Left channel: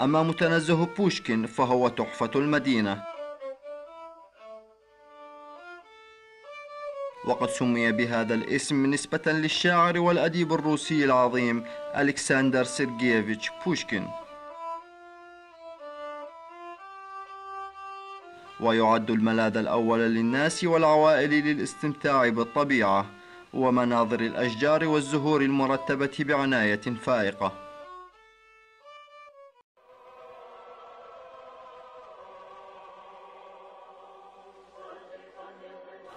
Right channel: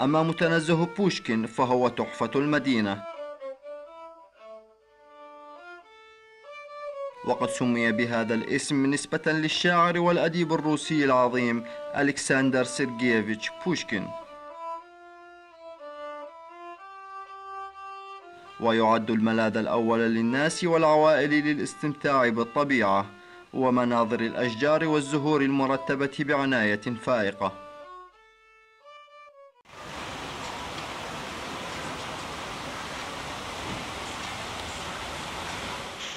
أما متنزه بوشكين فهو تحفة المدينة، وقد سمي بهذا الاسم نسبة للشاعر والأديب الروسي العظيم ألكسندر سيرجييفيتش بوشكين. ويعد الملاذ الأول للناس والعوائل للاستمتاع بالطبيعة ومناظر الأشجار والزهور المرتبة بعناية فائقة.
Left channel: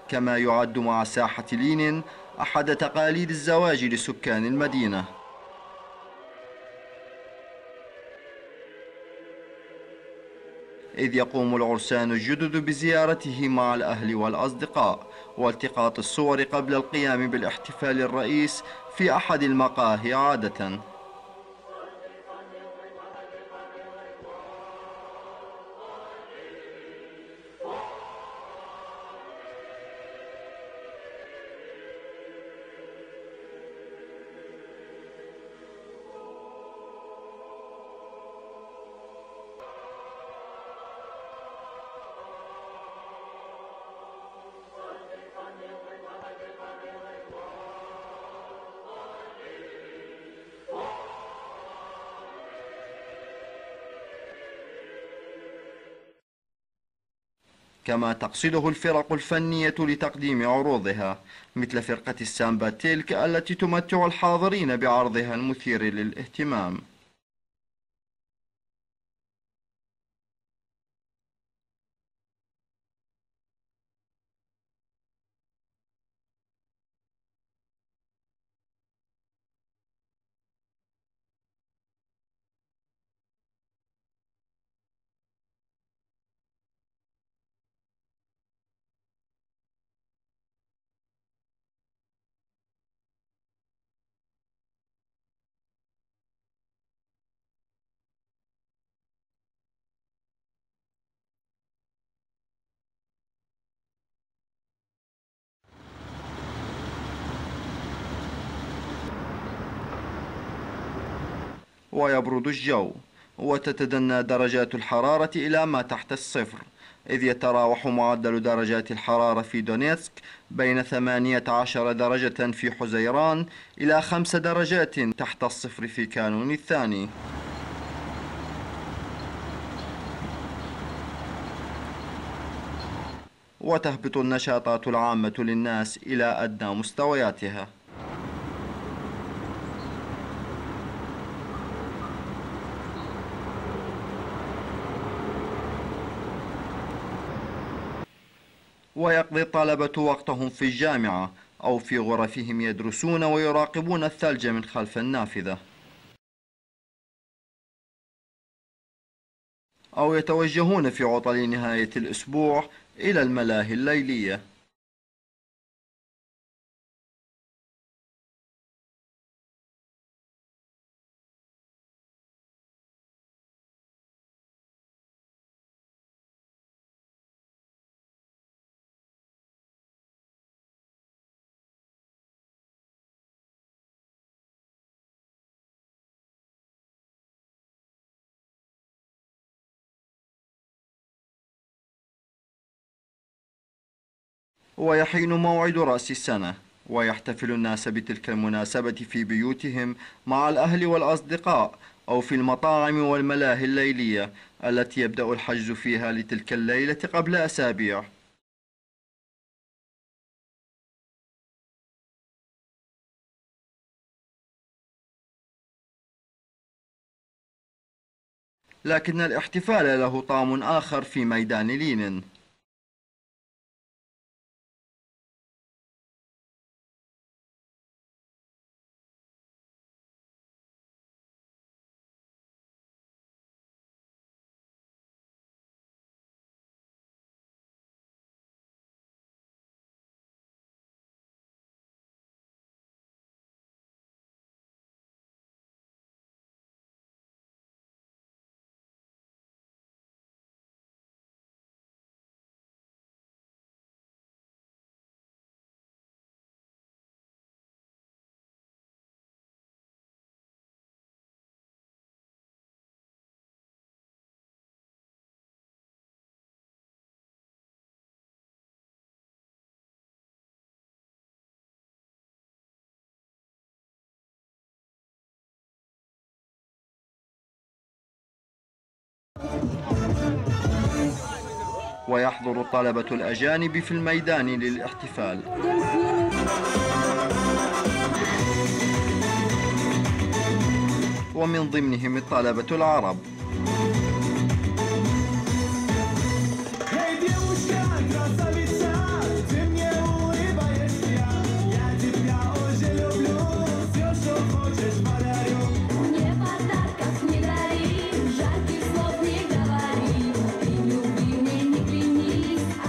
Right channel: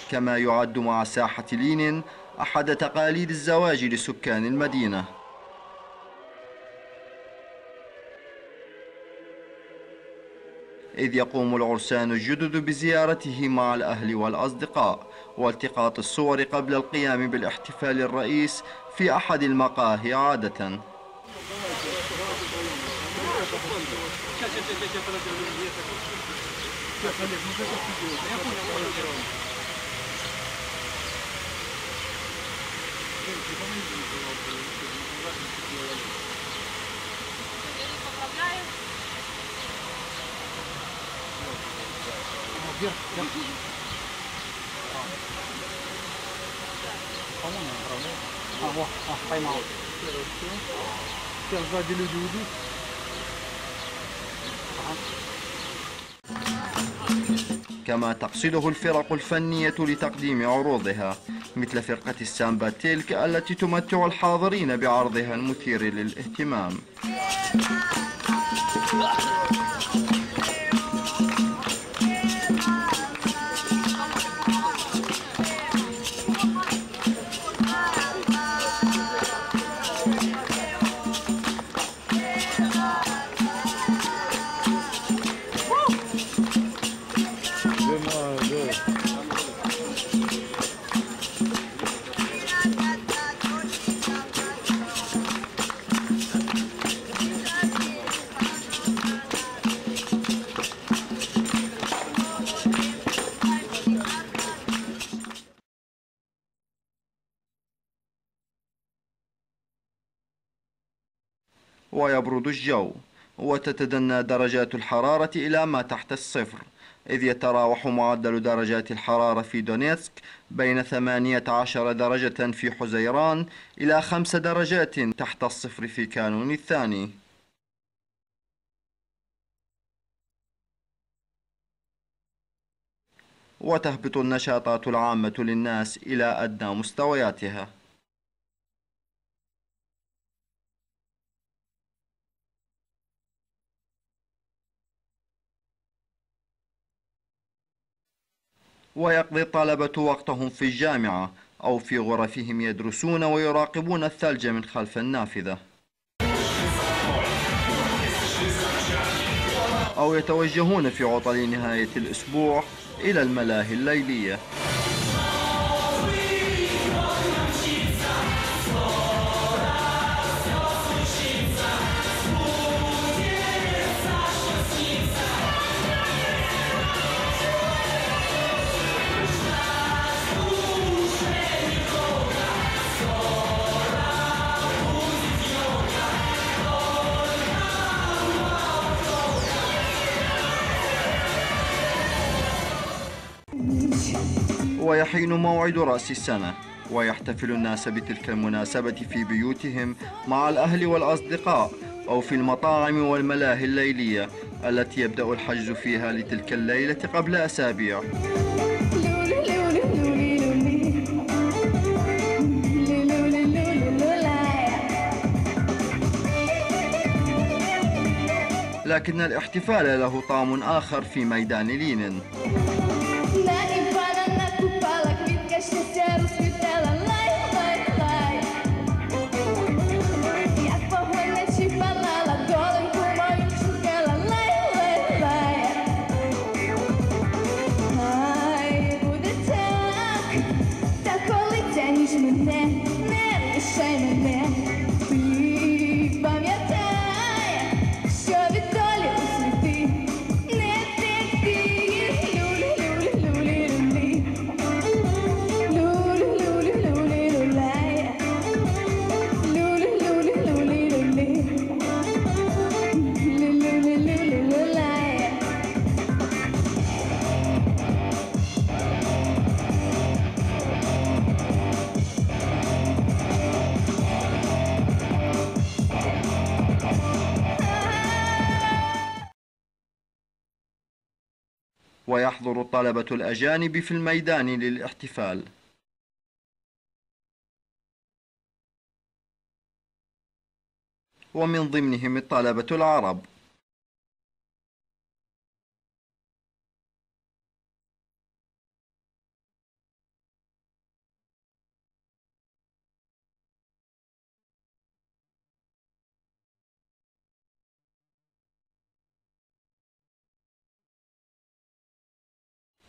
كما يعد مع ساحة لينين أحد تقاليد الزواج لسكان المدينة، إذ يقوم العرسان الجدد بزيارته مع الأهل والأصدقاء والتقاط الصور قبل القيام بالاحتفال الرئيس في أحد المقاهي عادة. كما تقصده الفرق الفنية لتقديم عروضها، مثل فرقة السامبا تيلك التي تمتع الحاضرين بعرضها المثير للاهتمام. ويبرد الجو وتتدنى درجات الحرارة إلى ما تحت الصفر، إذ يتراوح معدل درجات الحرارة في دونيتسك بين 18 درجة في حزيران إلى 5 درجات تحت الصفر في كانون الثاني. وتهبط النشاطات العامة للناس إلى أدنى مستوياتها. ويقضي الطلبة وقتهم في الجامعة أو في غرفهم يدرسون ويراقبون الثلج من خلف النافذة، أو يتوجهون في عطل نهاية الأسبوع إلى الملاهي الليلية. ويحين موعد رأس السنة، ويحتفل الناس بتلك المناسبة في بيوتهم مع الأهل والأصدقاء أو في المطاعم والملاهي الليلية التي يبدأ الحجز فيها لتلك الليلة قبل أسابيع. لكن الاحتفال له طعم آخر في ميدان لينين. ويحضر الطلبة الأجانب في الميدان للاحتفال. ومن ضمنهم الطلبة العرب.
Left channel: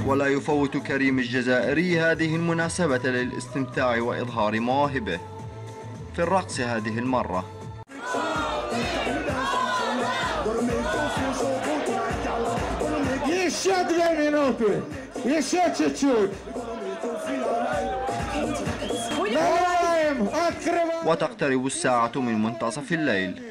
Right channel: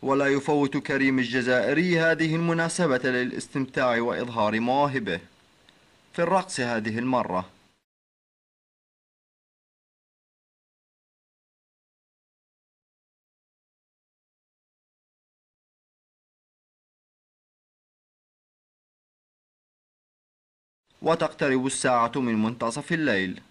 ولا يفوت كريم الجزائري هذه المناسبة للاستمتاع وإظهار مواهبه في الرقص هذه المرة. وتقترب الساعة من منتصف الليل.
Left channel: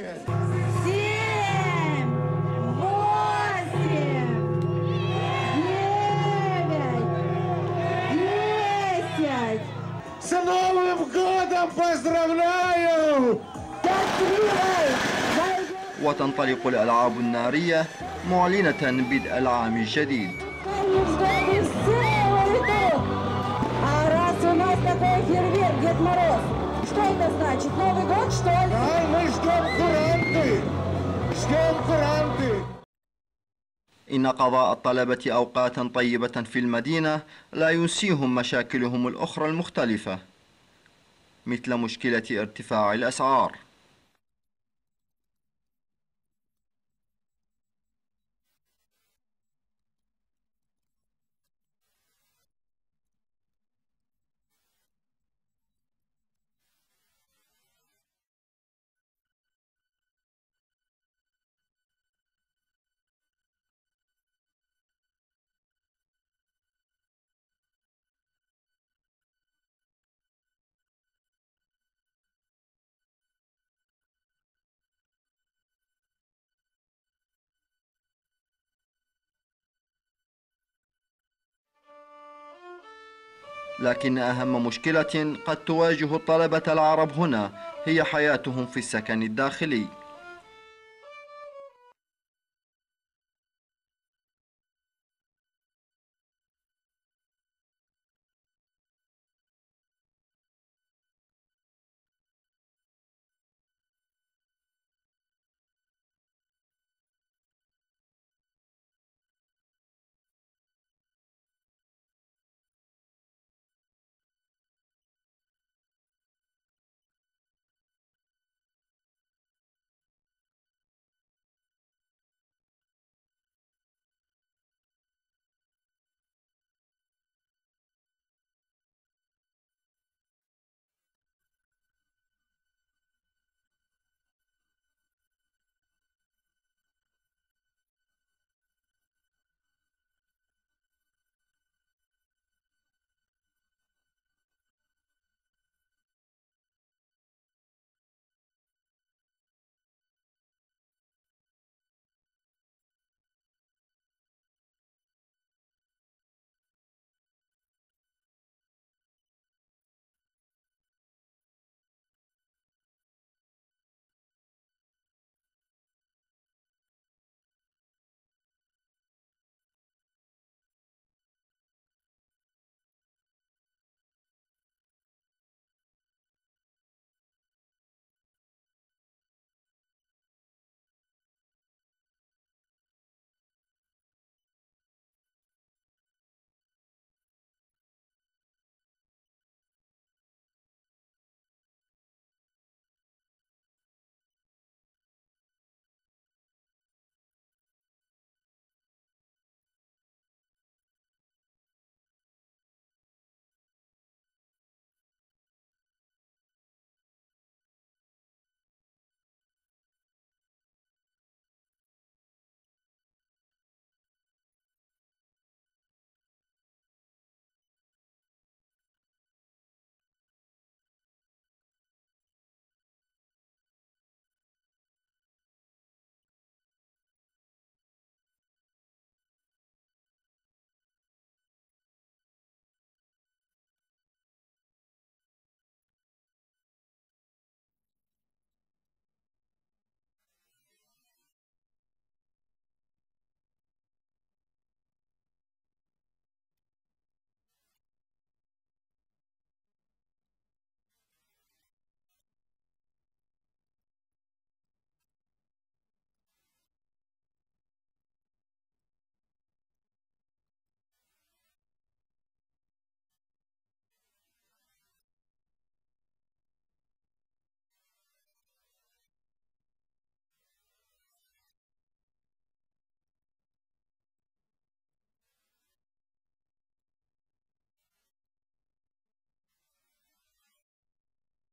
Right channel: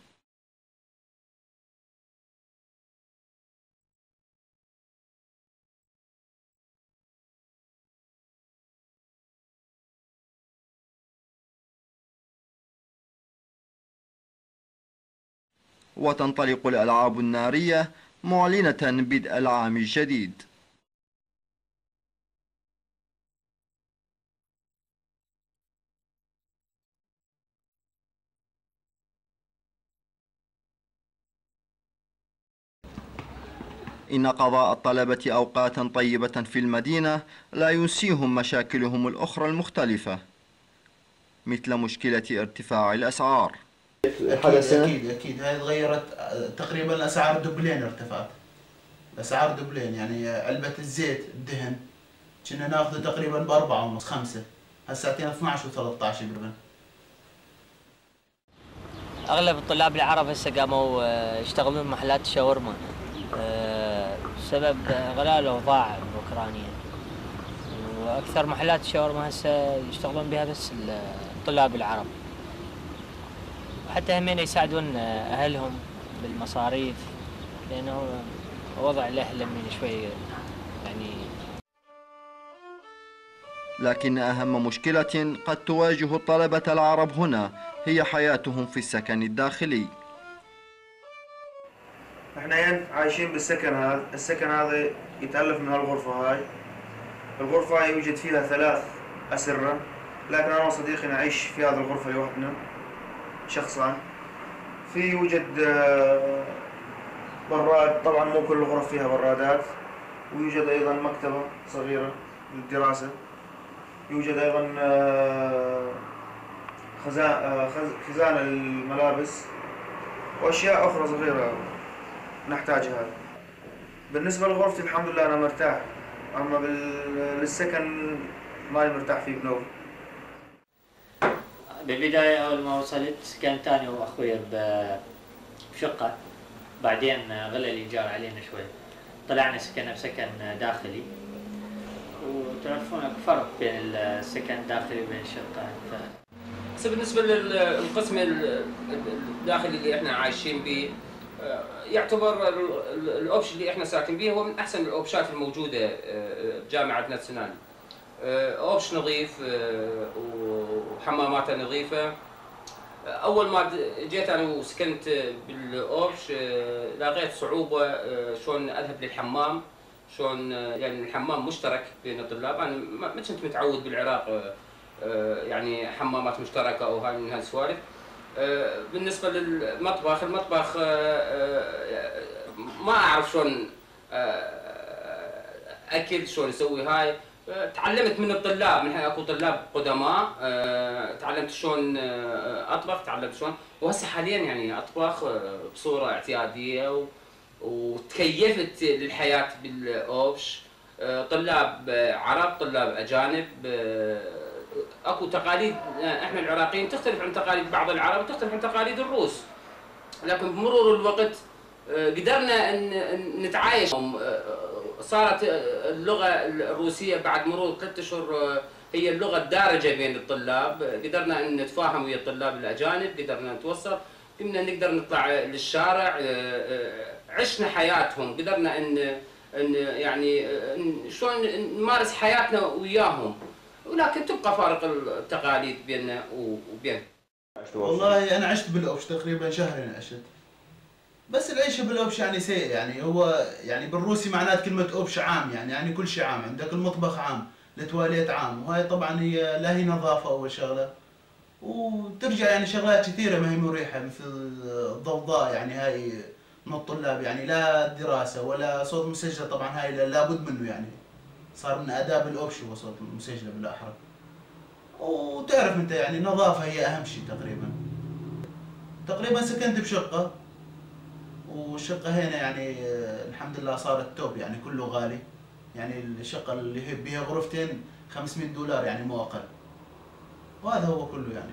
وتنطلق الألعاب النارية معلنة بدء العام الجديد. إن قضاء الطلبة أوقاتا طيبة في المدينة لا ينسيهم مشاكلهم الأخرى المختلفة، مثل مشكلة ارتفاع الأسعار. أكيد هاي تغيرت تقريبا. الأسعار دبلين ارتفعت، الأسعار دبلين. يعني علبة الزيت الدهن كنا ناخذه تقريبا بأربعة ونص 5، هساتين 12 و13 قريبا. أغلب الطلاب العرب هسه قاموا يشتغلون محلات الشاورما بسبب غلاء الأوضاع الأوكرانية، وأكثر محلات الشاورما هسه يشتغلون بها بس الطلاب العرب، وحتى همين يساعدون أهلهم بالمصاريف، لأنه وضع الأهل من شوي يعني. لكن أهم مشكلة قد تواجه الطلبة العرب هنا هي حياتهم في السكن الداخلي. احنا عايشين بالسكن هذا، السكن هذا يتألف من هالغرفة هاي. الغرفة هاي يوجد فيها 3 أسرة، لكن أنا وصديقي نعيش في هذه الغرفة لوحدنا شخصان. في يوجد براد، طبعا مو كل الغرف فيها برادات، ويوجد أيضا مكتبة صغيرة للدراسة. يوجد أيضا خزانة للملابس وأشياء أخرى صغيرة نحتاجها. بالنسبة لغرفتي الحمد لله أنا مرتاح، أما للسكن ماني مرتاح فيه بنوبي. بالبداية أول ما وصلت كانت أنا وأخوي بشقة، بعدين غلى الإيجار علينا شوي، طلعنا سكننا بسكن داخلي، وتعرفون فرق بين السكن الداخلي وبين الشقة. بالنسبة للقسم الداخلي اللي احنا عايشين به، يعتبر الاوبشن اللي احنا ساكن به هو من احسن الاوبشنات الموجودة بجامعة ناتسيونال. اوبش نظيف وحماماته نظيفة. اول ما جيت انا وسكنت بالاوبش لقيت صعوبة شلون اذهب للحمام، شلون يعني الحمام مشترك بين الطلاب. انا ما كنت متعود بالعراق يعني حمامات مشتركة او هاي من هالسوالف. بالنسبة للمطبخ، المطبخ ما اعرف شلون اكل، شلون اسوي هاي. تعلمت من الطلاب، من اكو طلاب قدماء، تعلمت شلون اطبخ، تعلمت شلون، وهسه حاليا يعني اطبخ بصورة اعتيادية وتكيفت للحياة بالاوبش. طلاب عرب، طلاب اجانب. اكو تقاليد احنا العراقيين تختلف عن تقاليد بعض العرب وتختلف عن تقاليد الروس، لكن بمرور الوقت قدرنا ان نتعايش. صارت اللغة الروسية بعد مرور 3 أشهر هي اللغة الدارجة بين الطلاب. قدرنا ان نتفاهم ويا الطلاب الاجانب، قدرنا نتوصل، قمنا نقدر نطلع للشارع، عشنا حياتهم، قدرنا ان يعني شلون نمارس حياتنا وياهم، ولكن تبقى فارق التقاليد بيننا وبين. والله انا عشت بالاوبش تقريبا شهرين عشت، بس العيشه بالاوبش يعني سيء، يعني هو يعني بالروسي معنات كلمه اوبش عام، يعني كل شيء عام، عندك المطبخ عام، التواليت عام، وهاي طبعا هي لا هي نظافه اول شغله، وترجع يعني شغلات كثيره ما هي مريحه مثل الضوضاء، يعني هاي من الطلاب، يعني لا دراسه ولا صوت مسجل، طبعا هاي لابد منه، يعني صار من آداب الأوبش هو صوت المسجلة بالأحرى. وتعرف أنت يعني النظافة هي أهم شيء تقريبا. تقريبا سكنت بشقة، والشقة هنا يعني الحمد لله صارت توب، يعني كله غالي. يعني الشقة اللي هي بيها غرفتين $500 يعني مو أقل. وهذا هو كله يعني.